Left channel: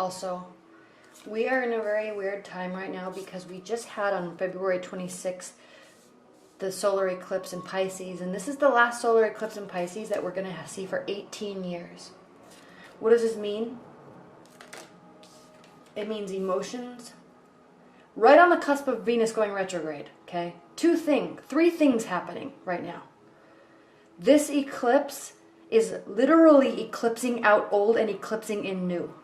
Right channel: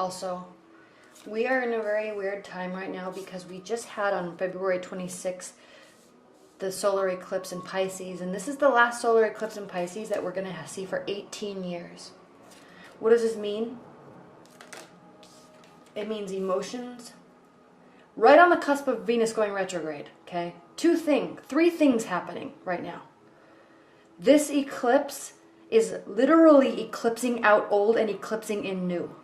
Also, we are in a very weird time right now because we just had on February 26th the solar eclipse in Pisces, and this is the last solar eclipse in Pisces that we're going to see for 18 years. What does this mean? It means emotions. Right on the cusp of Venus going retrograde, okay? Three things happening right now. This eclipse is literally eclipsing out old and eclipsing in new.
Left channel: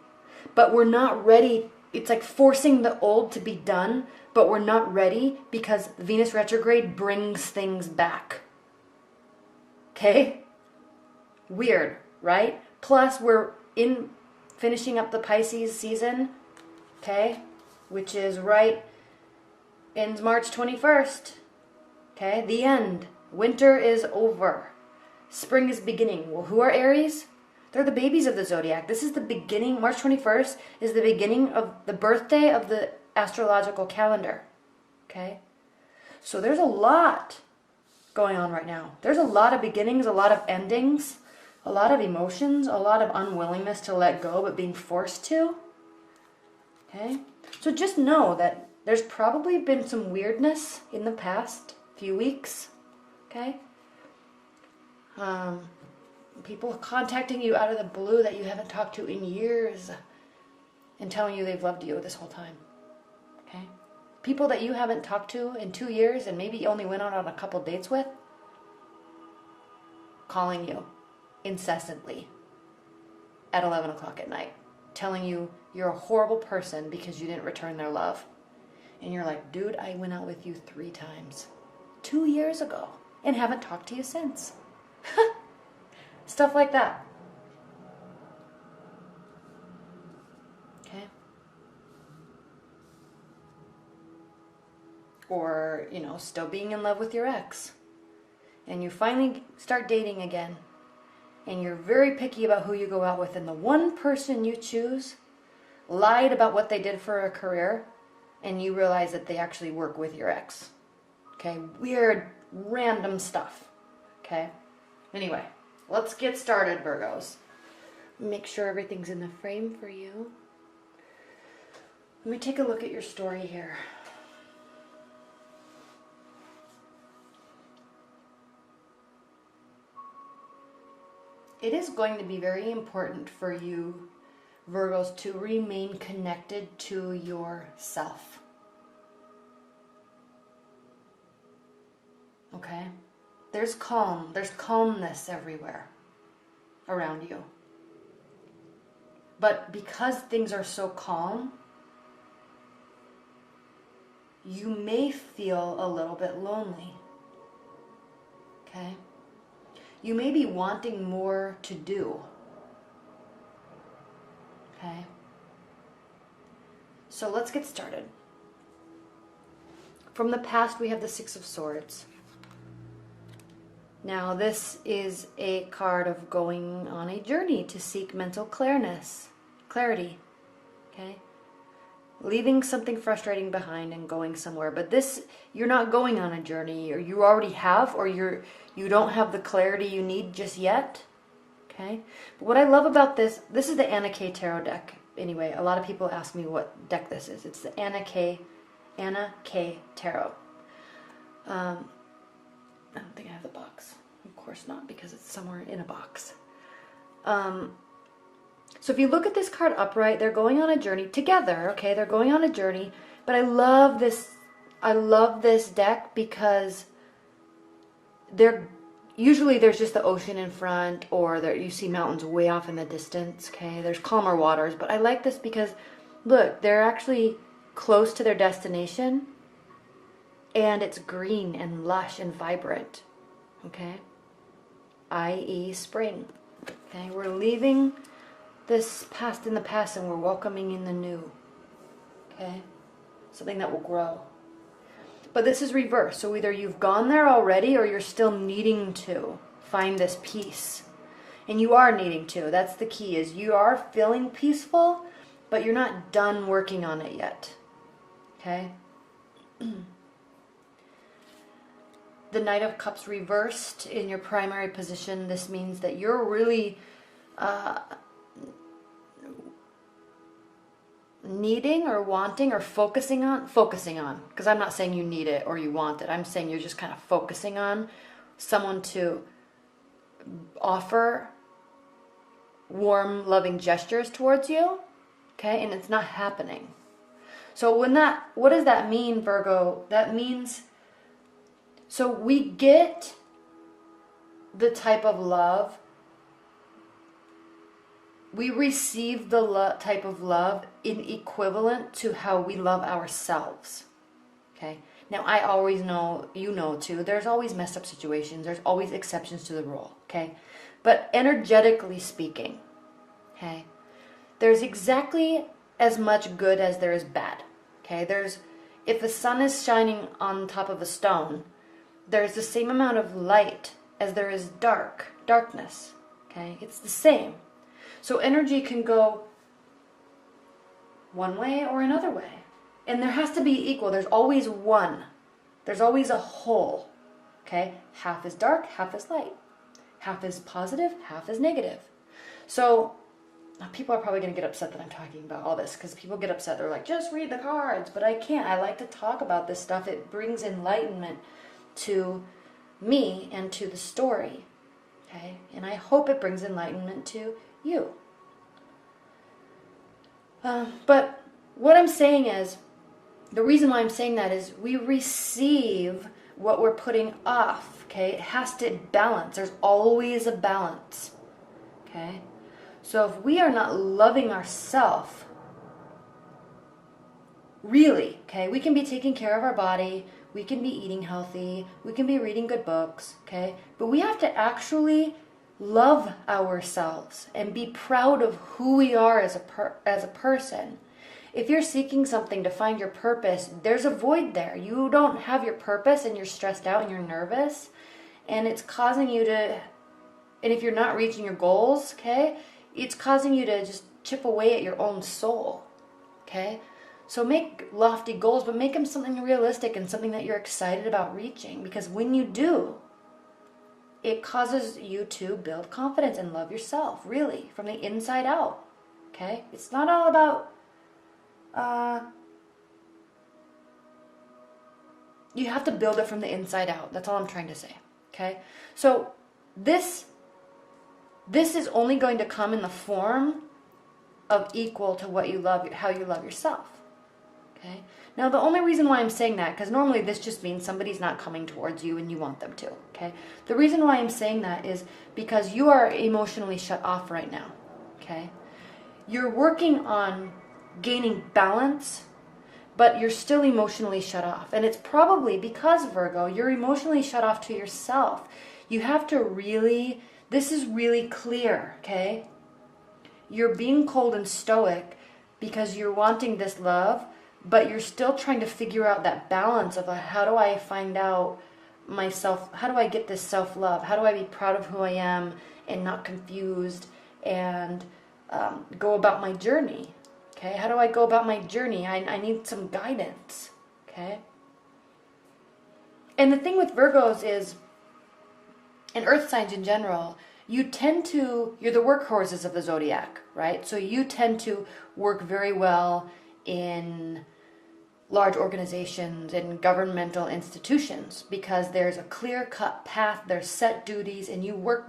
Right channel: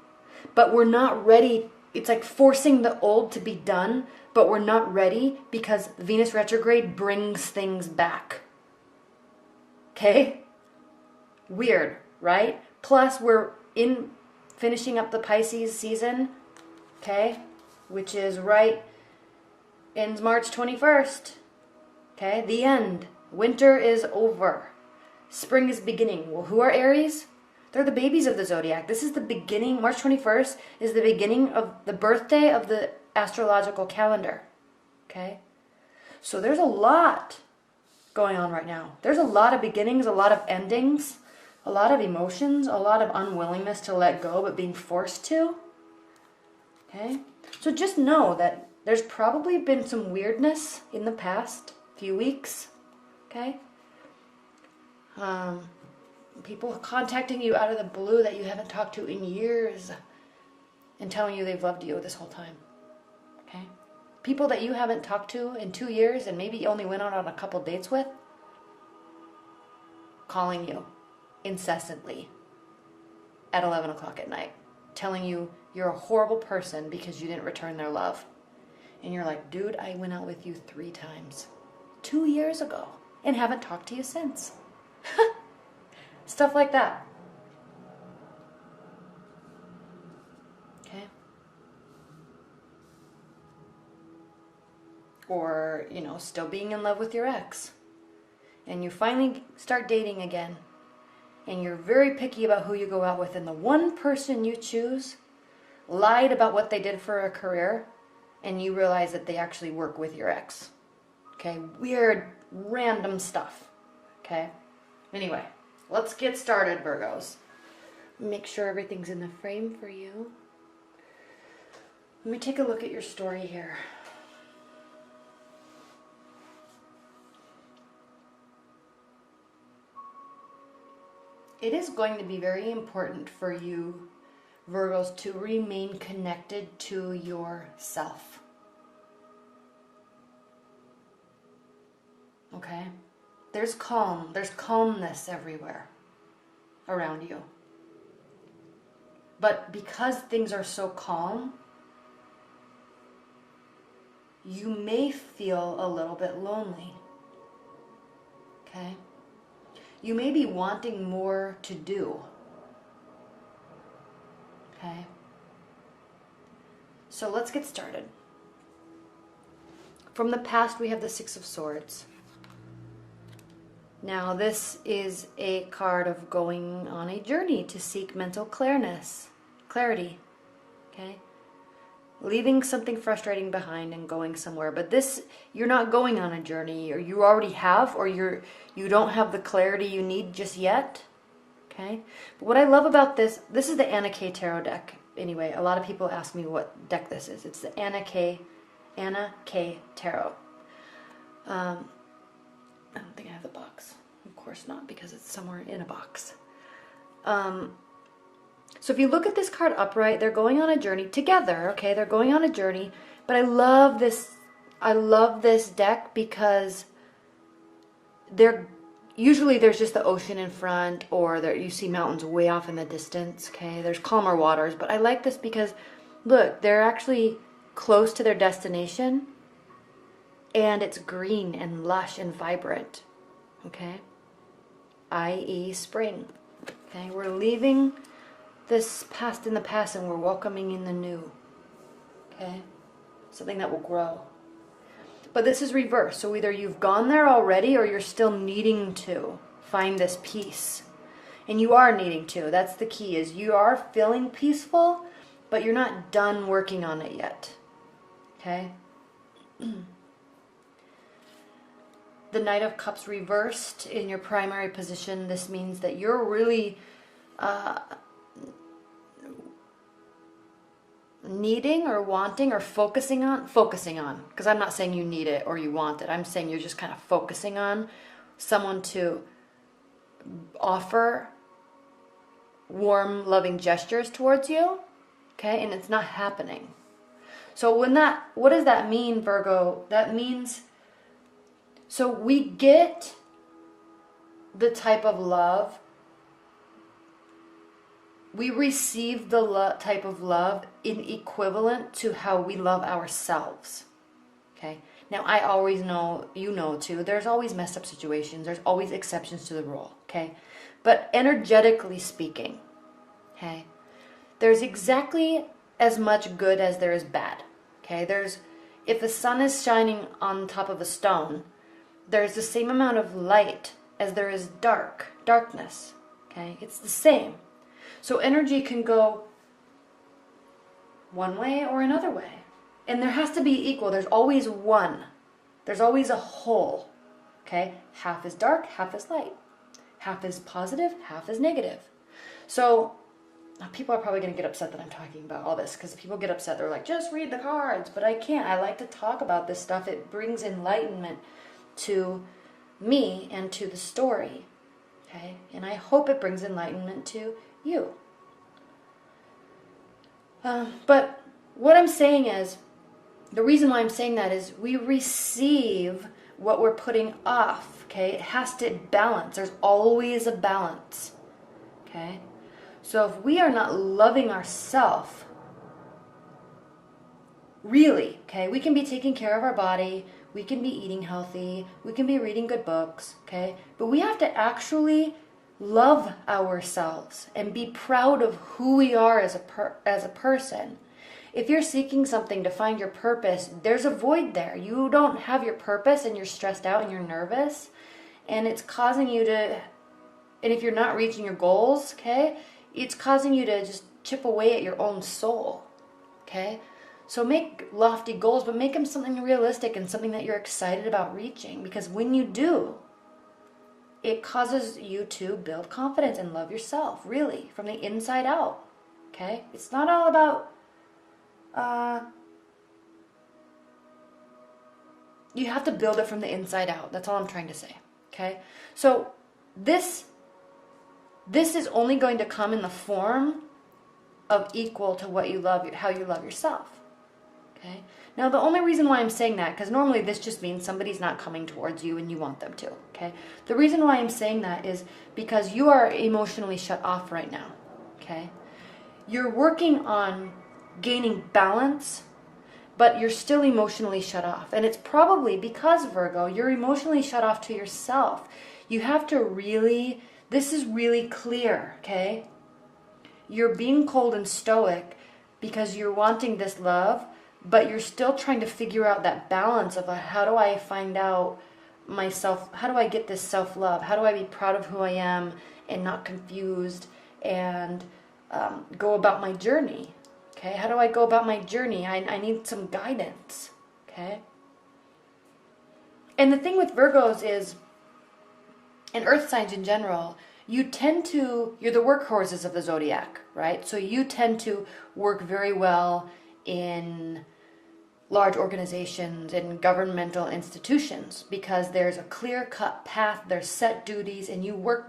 But we're not ready. It's like forcing the old to be done, but we're not ready because Venus retrograde brings things back. Okay? Weird, right? Plus, we're finishing up the Pisces season, okay? Which is ends March 21st. Okay? The end. Winter is over. Spring is beginning. Well, who are Aries? They're the babies of the zodiac. This is the beginning. March 21st is the beginning of the birthday of the astrological calendar. Okay? So there's a lot going on right now. There's a lot of beginnings, a lot of endings, a lot of emotions, a lot of unwillingness to let go but being forced to. Okay? So just know that there's probably been some weirdness in the past few weeks. Okay? People contacting you out of the blue that you haven't talked to in years and telling you they've loved you this whole time. Okay? People that you haven't talked to in 2 years and maybe only went out on a couple dates with, calling you incessantly at 11 o'clock at night, telling you you're a horrible person because you didn't return their love. And you're like, dude, I went out with you 3 times 2 years ago and haven't talked to you since. Stuff like that. Okay? Or, still being in love with your ex. And you finally start dating again. And you're very picky about who you go out with. And the one person you choose lied about what they did for a career. And you realize that they actually work with your ex. Okay? Weird, random stuff. Okay? Anyway. Let's get started, Virgos. Make sure everything's in the frame for you. Let me take a look at your story here. It is going to be very important for you, Virgos, to remain connected to yourself. Okay? There's calmness everywhere around you. But because things are so calm, you may feel a little bit lonely. Okay? You may be wanting more to do. Okay? So let's get started. From the past, we have the Six of Swords. Now, this is a card of going on a journey to seek mental clarity, okay? Leaving something frustrating behind and going somewhere. But this, you're not going on a journey, or you already have, or you don't have the clarity you need just yet, okay? But what I love about this is the Anna K Tarot deck. Anyway, a lot of people ask me what deck this is. It's the Anna K Tarot. I don't think it has a box. Of course not, because it's somewhere in a box. So if you look at this card upright, they're going on a journey together, okay? They're going on a journey. But I love this deck because usually there's just the ocean in front, or you see mountains way off in the distance, okay? There's calmer waters. But I like this because, look, they're actually close to their destination. And it's green and lush and vibrant, okay? i.e. spring, okay? We're leaving this past in the past and we're welcoming in the new, okay? Something that will grow. But this is reverse, so either you've gone there already or you're still needing to find this peace. And you are needing to. That's the key, is you are feeling peaceful, but you're not done working on it yet, okay? The Knight of Cups reversed in your primary position. This means that you're really needing or wanting or focusing on, because I'm not saying you need it or you want it. I'm saying you're just kind of focusing on someone to offer warm, loving gestures towards you, okay? And it's not happening. So what does that mean, Virgo? That means, so we get the type of love, we receive the type of love in equivalent to how we love ourselves, okay? Now, I always know, you know too, there's always messed up situations. There's always exceptions to the rule, okay? But energetically speaking, okay, there's exactly as much good as there is bad, okay? If the sun is shining on top of a stone, there's the same amount of light as there is darkness, okay? It's the same. So energy can go one way or another way. And there has to be equal. There's always one. There's always a whole, okay? Half is dark, half is light. Half is positive, half is negative. So people are probably going to get upset that I'm talking about all this, because people get upset. They're like, just read the cards. But I can't. I like to talk about this stuff. It brings enlightenment to me and to the story, okay? And I hope it brings enlightenment to you. But what I'm saying is, the reason why I'm saying that is we receive what we're putting off, okay? It has to balance. There's always a balance, okay? So if we are not loving ourselves, really, okay, we can be taking care of our body, we can be eating healthy, we can be reading good books, okay? But we have to actually love ourselves and be proud of who we are as a person. If you're seeking something to find your purpose, there's a void there. You don't have your purpose and you're stressed out and you're nervous, and it's causing you to, and if you're not reaching your goals, okay, it's causing you to just chip away at your own soul, okay? So make lofty goals, but make them something realistic and something that you're excited about reaching, because when you do, it causes you to build confidence and love yourself, really, from the inside out, okay? It's not all about, you have to build it from the inside out. That's all I'm trying to say, okay? So this is only going to come in the form of equal to what you love, how you love yourself, okay? Now, the only reason why I'm saying that, because normally this just means somebody's not coming towards you and you want them to, okay? The reason why I'm saying that is because you are emotionally shut off right now, okay? You're working on gaining balance, but you're still emotionally shut off. And it's probably because, Virgo, you're emotionally shut off to yourself. You have to really, this is really clear, okay? You're being cold and stoic because you're wanting this love, but you're still trying to figure out that balance of how do I find out myself, how do I get this self-love? How do I be proud of who I am and not confused and go about my journey? Okay, how do I go about my journey? I need some guidance, okay? And the thing with Virgos is, and earth signs in general, you're the workhorses of the zodiac, right? So you tend to work very well in large organizations and governmental institutions because there's a clear-cut path, there's set duties, and you work,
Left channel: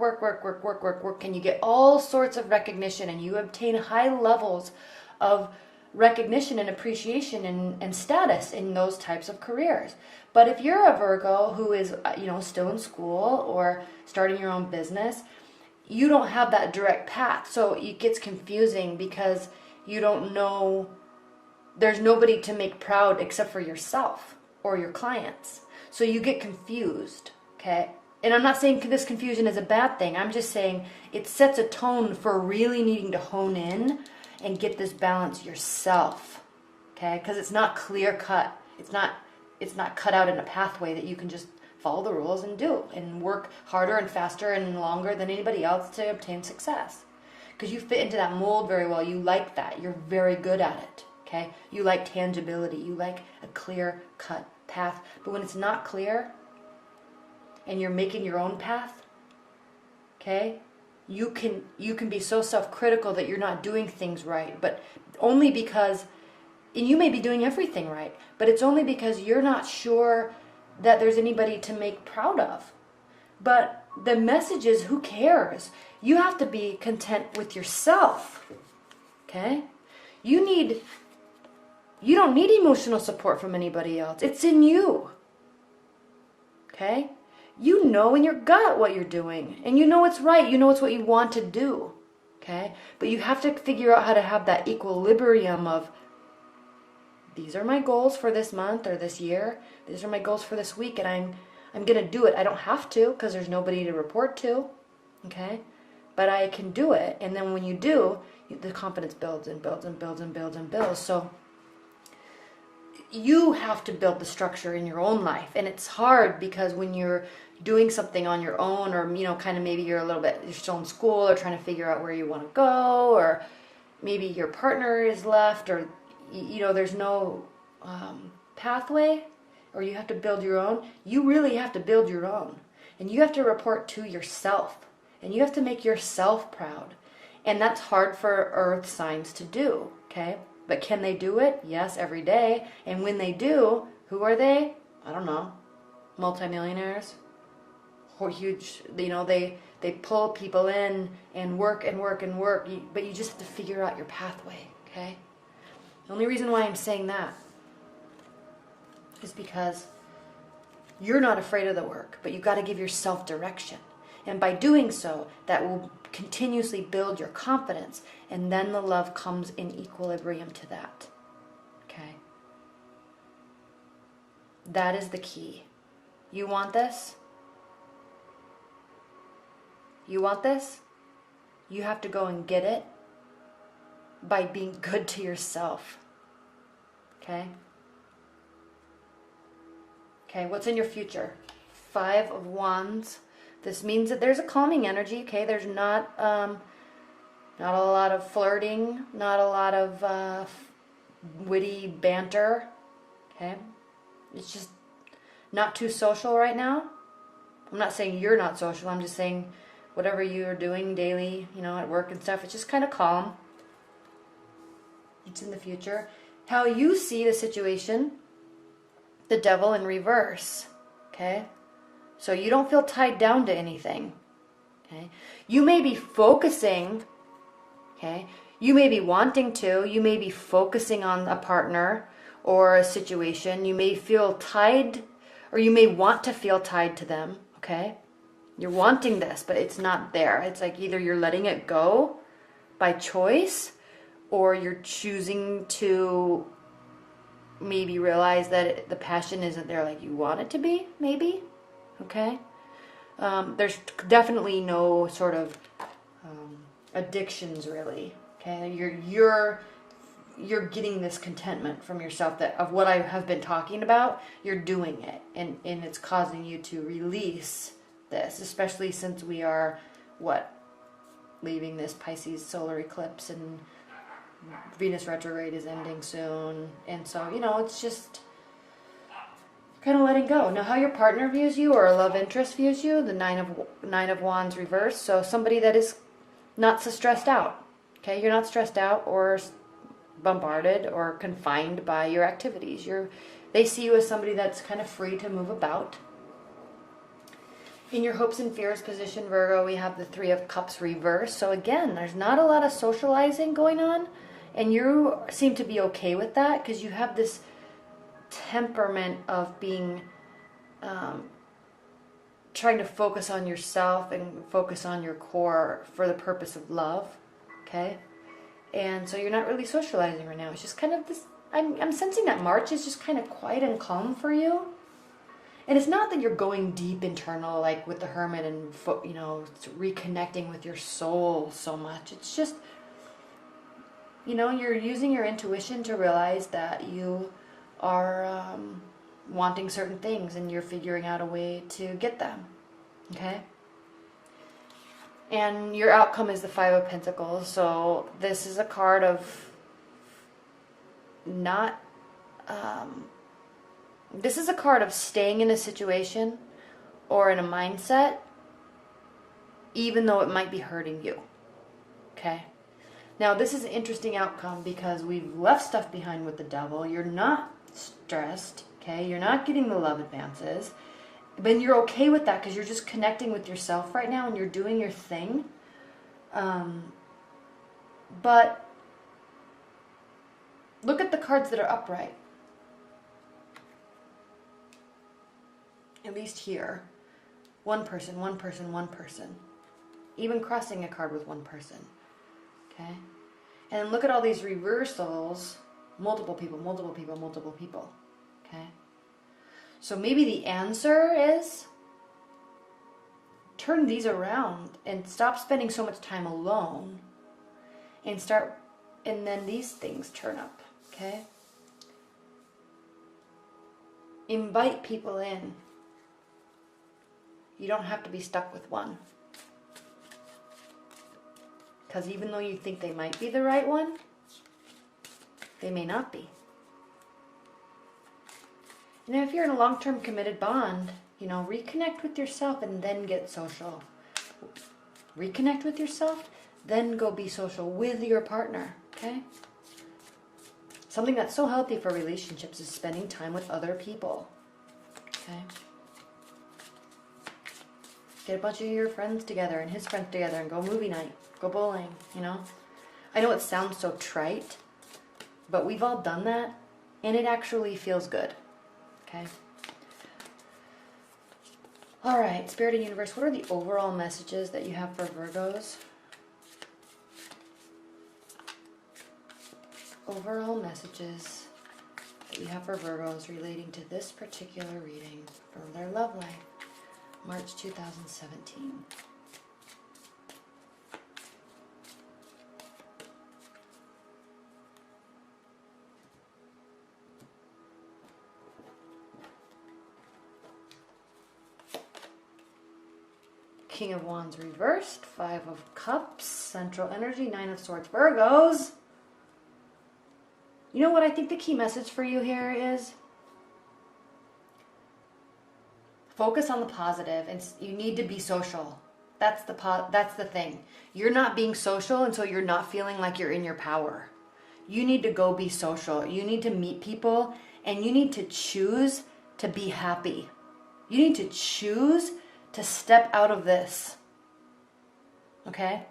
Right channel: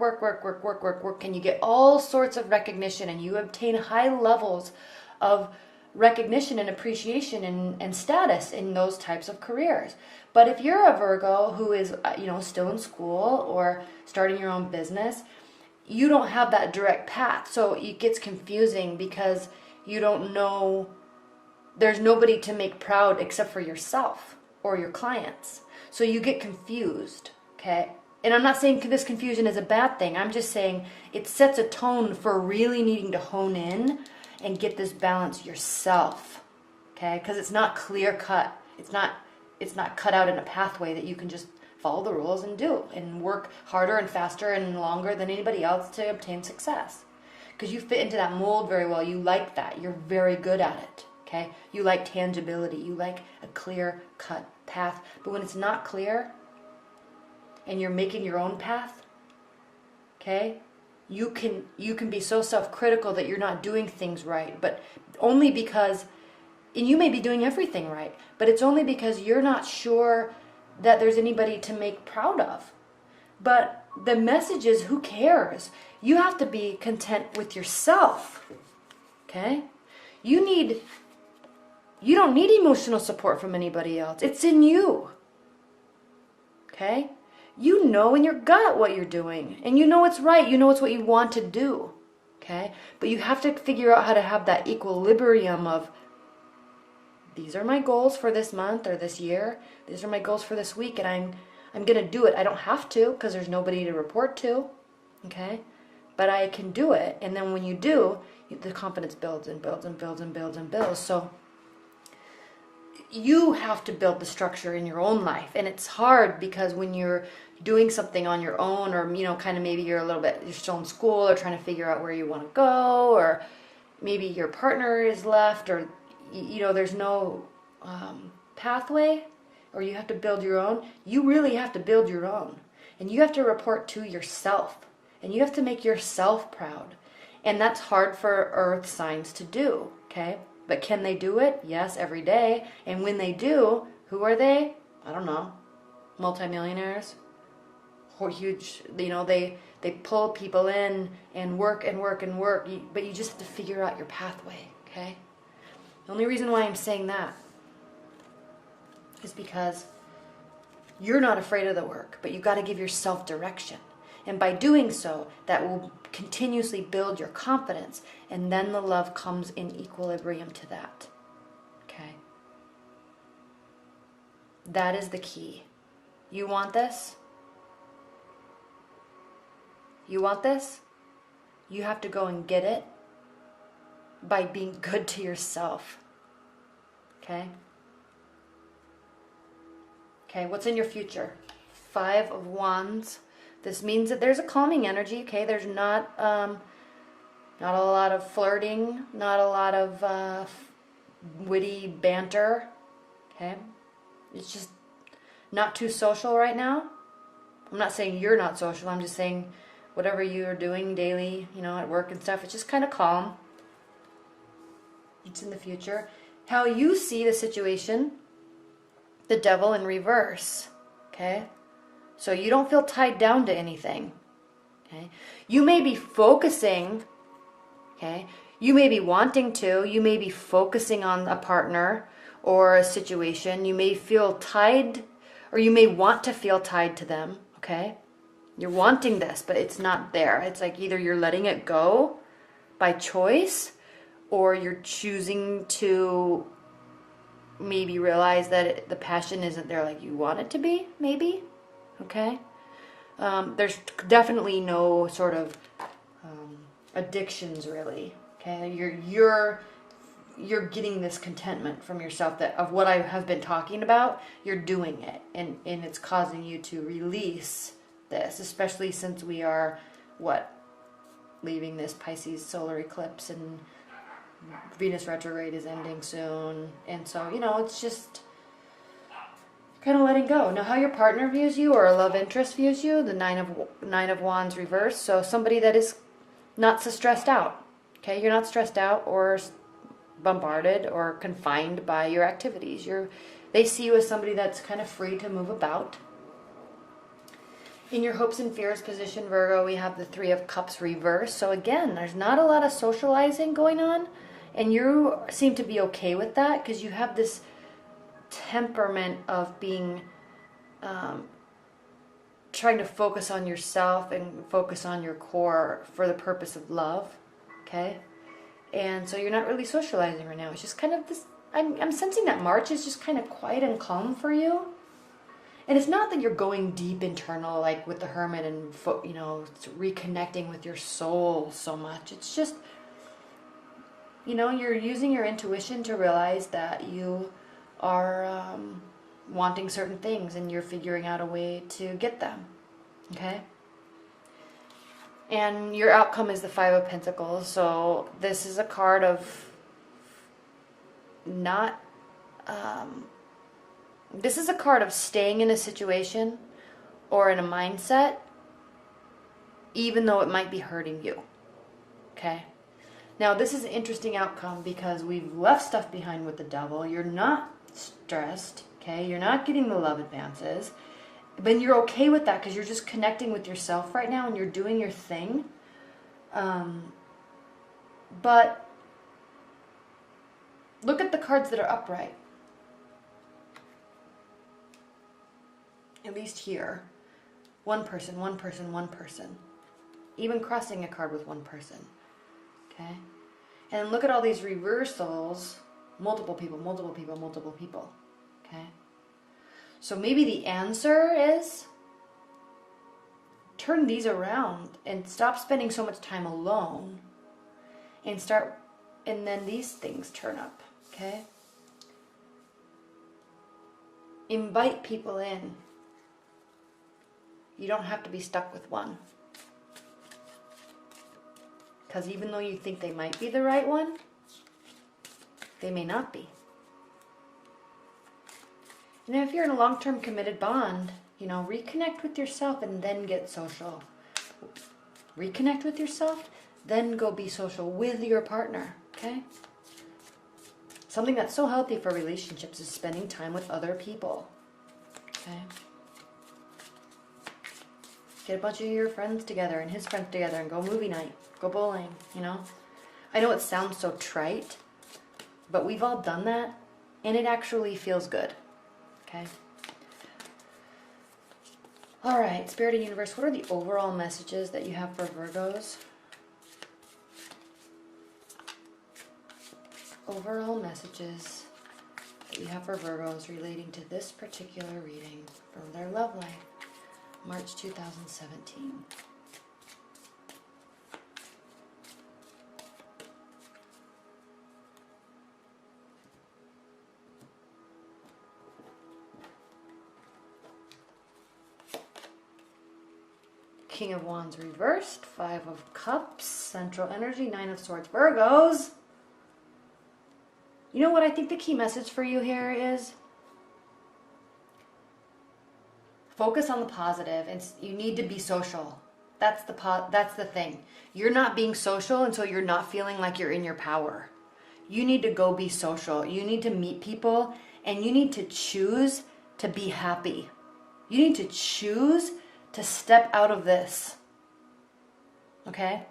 and you get all sorts of recognition, and you obtain high levels of recognition and appreciation and status in those types of careers. But if you're a Virgo who is, still in school or starting your own business, you don't have that direct path. So it gets confusing because you don't know, there's nobody to make proud except for yourself or your clients. So you get confused, okay? And I'm not saying this confusion is a bad thing. I'm just saying it sets a tone for really needing to hone in and get this balance yourself, okay? Because it's not clear cut. It's not cut out in a pathway that you can just follow the rules and do and work harder and faster and longer than anybody else to obtain success. Because you fit into that mold very well. You like that. You're very good at it, okay? You like tangibility. You like a clear cut path. But when it's not clear and you're making your own path, okay? You can be so self-critical that you're not doing things right, but only because And you may be doing everything right, but it's only because you're not sure that there's anybody to make proud of. But the message is, who cares? You have to be content with yourself. Okay? You don't need emotional support from anybody else. It's in you. Okay? You know in your gut what you're doing. And you know it's right. You know it's what you want to do. Okay? But you have to figure out how to have that equilibrium of, these are my goals for this month or this year. These are my goals for this week, and I'm going to do it. I don't have to because there's nobody to report to. Okay? But I can do it. And then when you do, the confidence builds and builds and builds and builds and builds. So you have to build the structure in your own life. And it's hard because when you're doing something on your own, or, you know, kind of maybe you're a little bit still in school or trying to figure out where you want to go, or maybe your partner is left, or, you know, there's no pathway, or you have to build your own. You really have to build your own. And you have to report to yourself. And you have to make yourself proud. And that's hard for earth signs to do, okay? But can they do it? Yes, every day. And when they do, who are they? I don't know. Multimillionaires? Or huge, you know, they pull people in and work and work and work. But you just have to figure out your pathway, okay? The only reason why I'm saying that is because you're not afraid of the work, but you've got to give yourself direction. And by doing so, that will continuously build your confidence, and then the love comes in equilibrium to that. Okay? That is the key. You want this? You want this? You have to go and get it by being good to yourself. Okay? Okay, what's in your future? 5 of Wands. This means that there's a calming energy, okay? There's not a lot of flirting, not a lot of witty banter, okay? It's just not too social right now. I'm not saying you're not social. I'm just saying whatever you're doing daily, you know, at work and stuff, it's just kind of calm. It's in the future. How you see the situation, the devil in reverse, okay? So you don't feel tied down to anything, okay? You may be focusing, okay? You may be wanting to. You may be focusing on a partner or a situation. You may feel tied, or you may want to feel tied to them, okay? You're wanting this, but it's not there. It's like either you're letting it go by choice, or you're choosing to maybe realize that the passion isn't there like you want it to be, maybe. Okay? There's definitely no sort of addictions, really. Okay? You're getting this contentment from yourself that of what I have been talking about. You're doing it, and it's causing you to release this, especially since we are leaving this Pisces solar eclipse, and Venus retrograde is ending soon, and so, you know, it's just kind of letting go. Now, how your partner views you or a love interest views you, the nine of Wands reverse. So somebody that is not so stressed out. Okay, you're not stressed out or bombarded or confined by your activities. They see you as somebody that's kind of free to move about. In your hopes and fears position, Virgo, we have the 3 of Cups reverse. So again, there's not a lot of socializing going on, and you seem to be okay with that because you have this temperament of being trying to focus on yourself and focus on your core for the purpose of love, okay? And so you're not really socializing right now. It's just kind of this, I'm sensing that March is just kind of quiet and calm for you. And it's not that you're going deep internal like with the Hermit and, you know, reconnecting with your soul so much. It's just, you know, you're using your intuition to realize that you are wanting certain things, and you're figuring out a way to get them, okay? And your outcome is the 5 of Pentacles, so this is a card of this is a card of staying in a situation or in a mindset, even though it might be hurting you, okay? Now, this is an interesting outcome because we've left stuff behind with the devil. You're not stressed, okay? You're not getting the love advances. But you're okay with that because you're just connecting with yourself right now and you're doing your thing. But look at the cards that are upright. At least here. One person, one person, one person. Even crossing a card with one person. Okay? And look at all these reversals. Multiple people, multiple people, multiple people. Okay? So maybe the answer is turn these around and stop spending so much time alone. And then these things turn up. Okay? Invite people in. You don't have to be stuck with one. Because even though you think they might be the right one, they may not be. You know, if you're in a long-term committed bond, you know, reconnect with yourself and then get social. Reconnect with yourself, then go be social with your partner, okay? Something that's so healthy for relationships is spending time with other people, okay? Get a bunch of your friends together and his friends together and go movie night, go bowling, you know? I know it sounds so trite, but we've all done that, and it actually feels good, okay? All right, Spirit and Universe, what are the overall messages that you have for Virgos? Overall messages that you have for Virgos relating to this particular reading from their love life, March 2017. King of Wands reversed, 5 of Cups, Central Energy, 9 of Swords, Virgos. You know what I think the key message for you here is? Focus on the positive. You need to be social. That's the thing. You're not being social until you're not feeling like you're in your power. You need to go be social. You need to meet people and you need to choose to be happy. You need to choose to step out of this. Okay?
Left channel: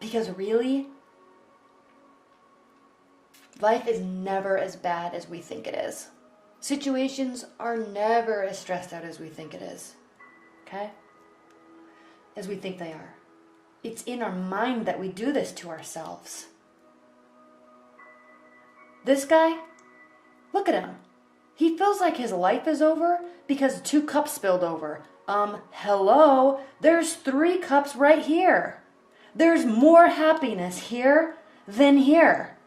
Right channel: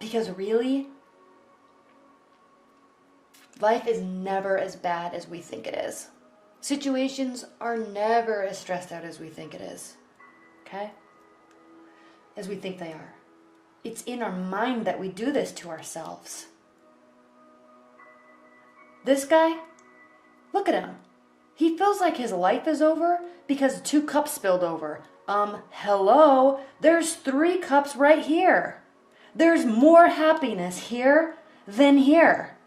Because really, life is never as bad as we think it is. Situations are never as stressed out as we think it is. Okay? As we think they are. It's in our mind that we do this to ourselves. This guy, look at him. He feels like his life is over because 2 cups spilled over. Hello? There's 3 cups right here. There's more happiness here than here.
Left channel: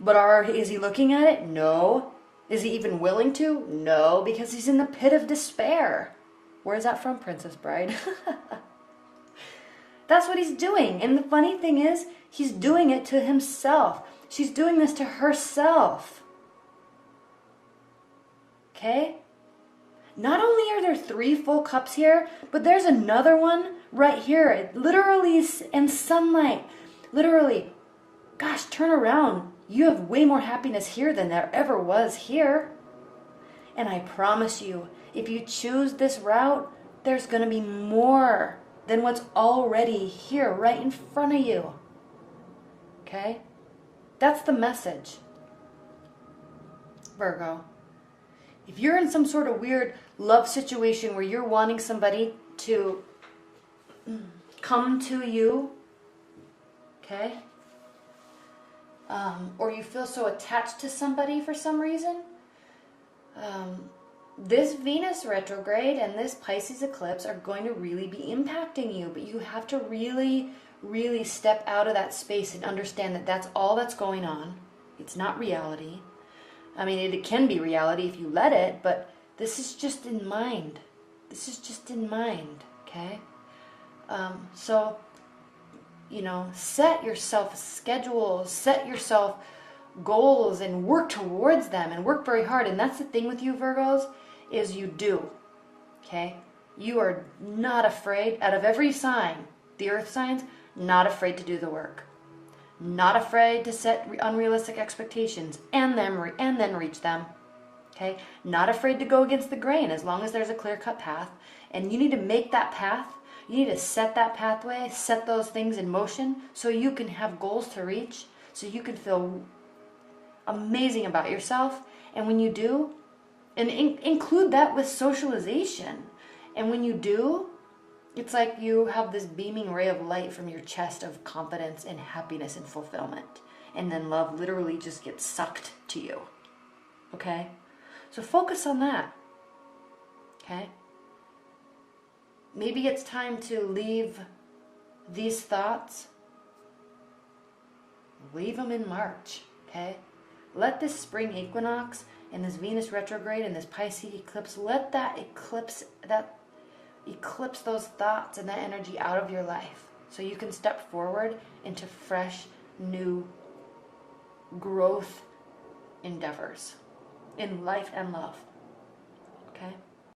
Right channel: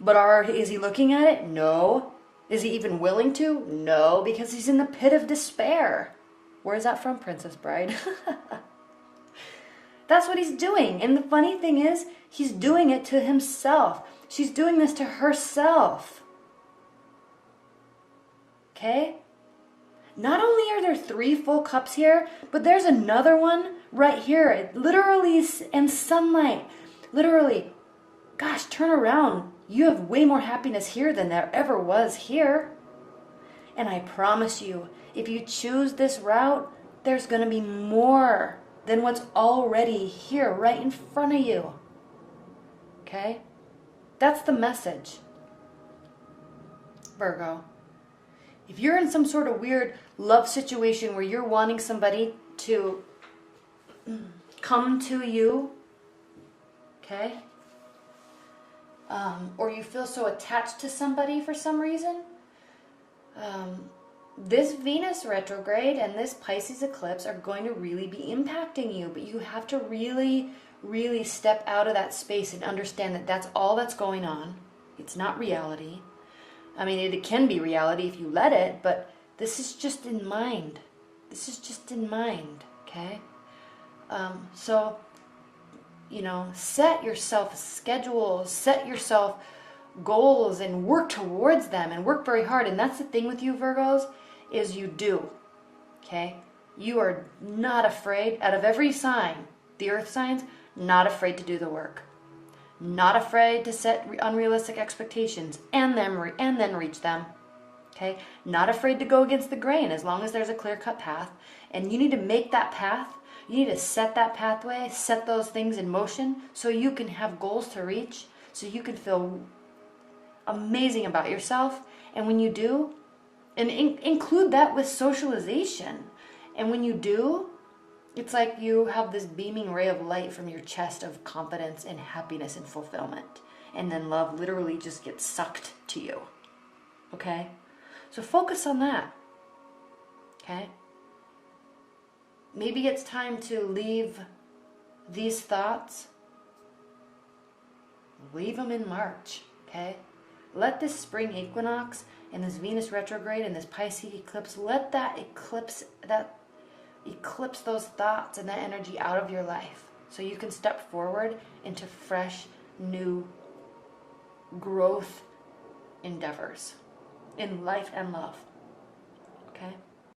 But is he looking at it? No. Is he even willing to? No, because he's in the pit of despair. Where is that from, Princess Bride? That's what he's doing. And the funny thing is, he's doing it to himself. She's doing this to herself. Okay? Not only are there 3 full cups here, but there's another one right here. It literally is in sunlight. Literally. Gosh, turn around. You have way more happiness here than there ever was here. And I promise you, if you choose this route, there's going to be more than what's already here right in front of you. Okay? That's the message. Virgo. If you're in some sort of weird love situation where you're wanting somebody to come to you, okay? Or you feel so attached to somebody for some reason, this Venus retrograde and this Pisces eclipse are going to really be impacting you, but you have to really, really step out of that space and understand that that's all that's going on. It's not reality. I mean, it can be reality if you let it, but this is just in mind. This is just in mind, okay? So, you know, set yourself schedules, set yourself goals, and work towards them, and work very hard. And that's the thing with you, Virgos, is you do, okay? You are not afraid, out of every sign, the earth signs, not afraid to do the work, not afraid to set unrealistic expectations and then reach them. Okay, not afraid to go against the grain as long as there's a clear-cut path. And you need to make that path. You need to set that pathway, set those things in motion so you can have goals to reach, so you can feel amazing about yourself. And when you do, and include that with socialization. And when you do, it's like you have this beaming ray of light from your chest of confidence and happiness and fulfillment. And then love literally just gets sucked to you. Okay? So focus on that. Okay? Maybe it's time to leave these thoughts. Leave them in March. Okay? Let this spring equinox and this Venus retrograde and this Pisces eclipse, let that eclipse those thoughts and that energy out of your life so you can step forward into fresh, new growth endeavors in life and love. Okay?